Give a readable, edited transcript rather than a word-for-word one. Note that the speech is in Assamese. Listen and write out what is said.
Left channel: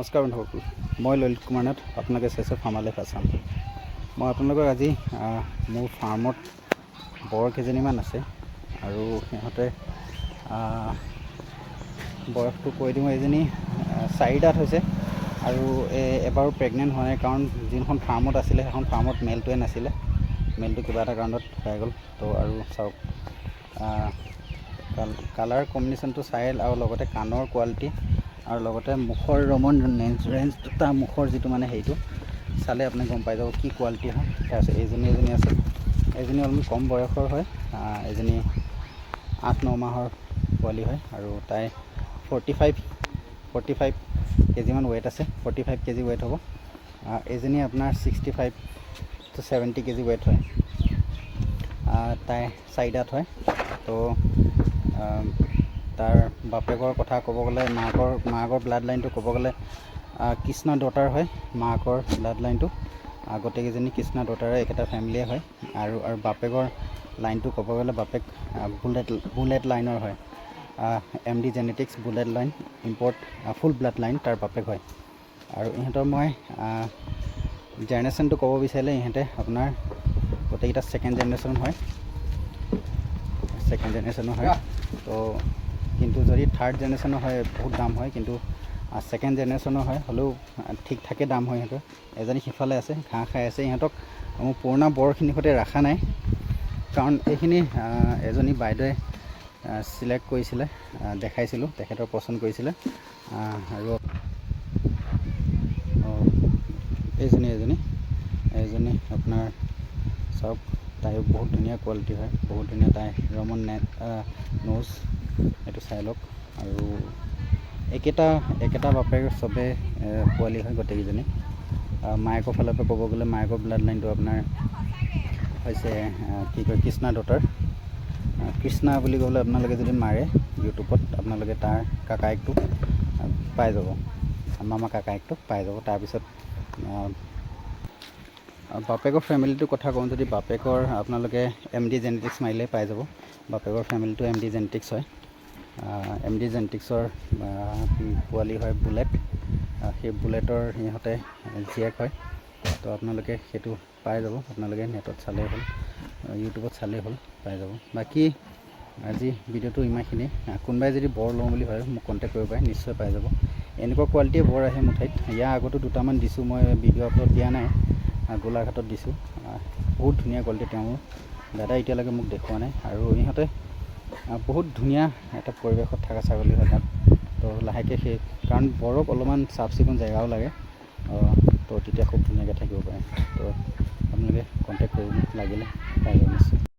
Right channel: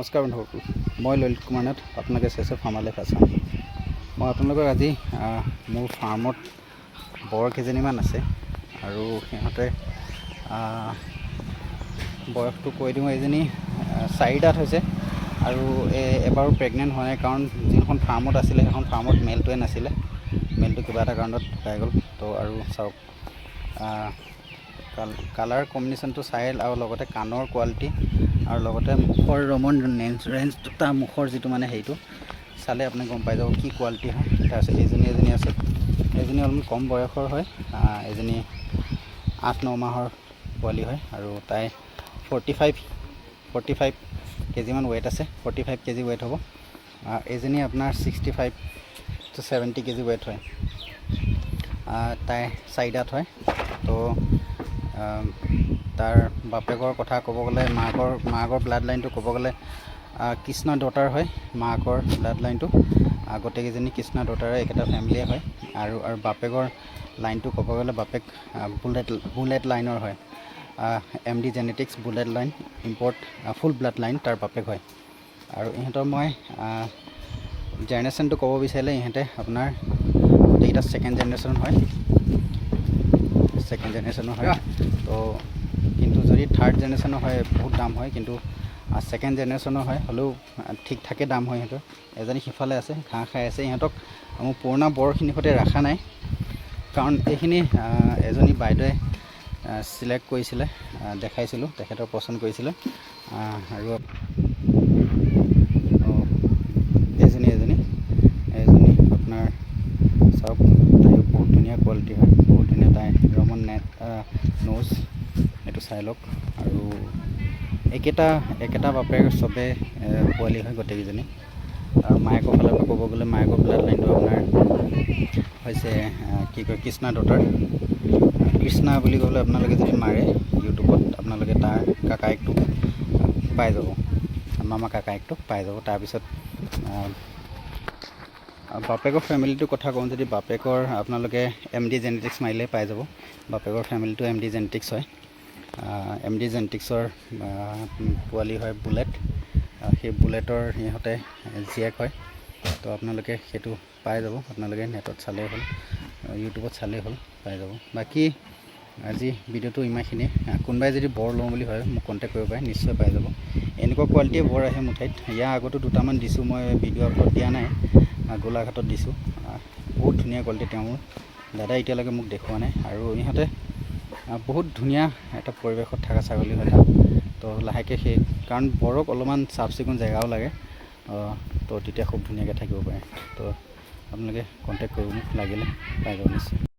নমস্কাৰ বন্ধুসকল, মই ললিত কুমাৰ নাথ, আপোনালোকে চাইছে ফাৰ্মাৰ লাইফ আছাম। মই আপোনালোকক আজি মোৰ ফাৰ্মত বৰ কেইজনীমান আছে আৰু সিহঁতে বয়সটো কৈ দিওঁ। এজনী 4 দাঁত হৈছে আৰু এবাৰো প্ৰেগনেণ্ট হোৱা নাই, কাৰণ যিখন ফাৰ্মত আছিলে সেইখন ফাৰ্মত মেলটোৱে নাছিলে। মেলটো কিবা এটা কাৰণত ঢুকাই গ'ল। তো আৰু চাওক, কালাৰ কম্বিনেশ্যনটো চাই আৰু লগতে কাণৰ কোৱালিটি আৰু লগতে মুখৰ ৰমন ৰেঞ্জটো, তাৰ মুখৰ যিটো মানে সেইটো চালে আপুনি গম পাই যাব কি কোৱালিটি হয়। তাৰপিছত এজনী আছে, এজনী অলপমান কম বয়সৰ হয়, এজনী 8-9 মাহৰ পোৱালি হয় আৰু তাই 45 কেজিমান ৱেইট আছে, 45 কেজি ৱেইট হ'ব। এজনী আপোনাৰ 65 to 70 কেজি ৱেইট হয়। তাই 4 দাঁত হয়। তো তাৰ বাপেকৰ কথা ক'ব গ'লে, মাকৰ ব্লাড লাইনটো ক'ব গ'লে কৃষ্ণা ডটাৰ হয়। মাকৰ ব্লাড লাইনটো গোটেইকেইজনী কৃষ্ণা ডটাৰে একেটা ফেমিলিয়ে হয়। আৰু বাপেকৰ লাইনটো ক'ব গ'লে বাপেক বুলেট লাইনৰ হয়। MD genetics bullet line import ফুল ব্লাড লাইন তাৰ বাপেক হয়। আৰু ইহঁতৰ মই জেনেৰেশ্যনটো ক'ব বিচাৰিলে ইহঁতে আপোনাৰ গোটেইকেইটা ছেকেণ্ড জেনেৰেশ্যন হয়। তো কিন্তু যদি থাৰ্ড জেনেৰেশ্যনৰ হয় বহুত দাম হয়, কিন্তু ছেকেণ্ড জেনেৰেশ্যনৰ হয় হ'লেও ঠিক ঠাকে দাম হয়। সিহঁতৰ এজনী সিফালে আছে, ঘাঁহ খাই আছে। ইহঁতক মোৰ পুৰণা বৰখিনিৰ সৈতে ৰখা নাই, কাৰণ এইখিনি এজনী বাইদেৱে চিলেক্ট কৰিছিলে, দেখাইছিলোঁ, তেখেতৰ পচন্দ কৰিছিলে। আৰু এজনী আপোনাৰ চাওক, তাইও বহুত ধুনীয়া কোৱালিটি হয়, বহুত ধুনীয়া। তাই ৰমন নোজ, এইটো চাই লওক। আৰু একেটা বাপেৰ চবে পোৱালি হয় গোটেইকেইজনী। আৰু মায়েকৰ ফালৰ পৰা ক'ব গ'লে মায়েকৰ ব্লাড লাইনটো আপোনাৰ হৈছে কি কয় কৃষ্ণা ডটাৰ। কৃষ্ণা বুলি ক'লে আপোনালোকে যদি মাৰে ইউটিউবত, আপোনালোকে তাৰ কাকায়েকটো পাই যাব, মামা কাকায়েকটো পাই যাব। তাৰপিছত বাপেকৰ ফেমিলিটোৰ কথা কওঁ, যদি বাপেকৰ আপোনালোকে MD জেনেটিক্স মাৰিলে পাই যাব। বাপেকৰ ফেমিলিটো MD জেনেটিক্স হয়। MD জেনেটিক্সৰ পোৱালি হয় বুলেট। সেই বুলেটৰ সিহঁতে জীয়েক হয়। তো আপোনালোকে সেইটো পাই যাব, আপোনালোকে নেটত চালেই হ'ল, ইউটিউবত চালেই হ'ল, পাই যাব। বাকী আজি ভিডিঅ'টো ইমানখিনি। কোনোবাই যদি বৰ লওঁ বুলি ভাবে মোক কণ্টেক্ট কৰিব পাৰে, নিশ্চয় পাই যাব। এনেকুৱা কোৱালিটিয়ে বৰ আহে মোৰ ঠাইত। ইয়াৰ আগতো দুটামান দিছোঁ, মই ভিডিঅ' আপলোড দিয়া নাই, গোলাঘাটত দিছোঁ। বহুত ধুনীয়া কোৱালিটি। তেওঁৰ দাদা এতিয়ালৈকে মোক দেখুওৱা নাই। আৰু ইহঁতে বহুত ধুনীয়া এটা পৰিৱেশত থকা ছাগলী হয় তাত। তো লাহেকৈ সেই কাৰণ বৰক অলপমান চাফ চিকুণ জেগাও লাগে, তো তেতিয়া খুব ধুনীয়াকৈ থাকিব পাৰে। তো আপোনালোকে কণ্টেক্ট কৰিব, মোক লাগিলে পাই যাব নিশ্চয়।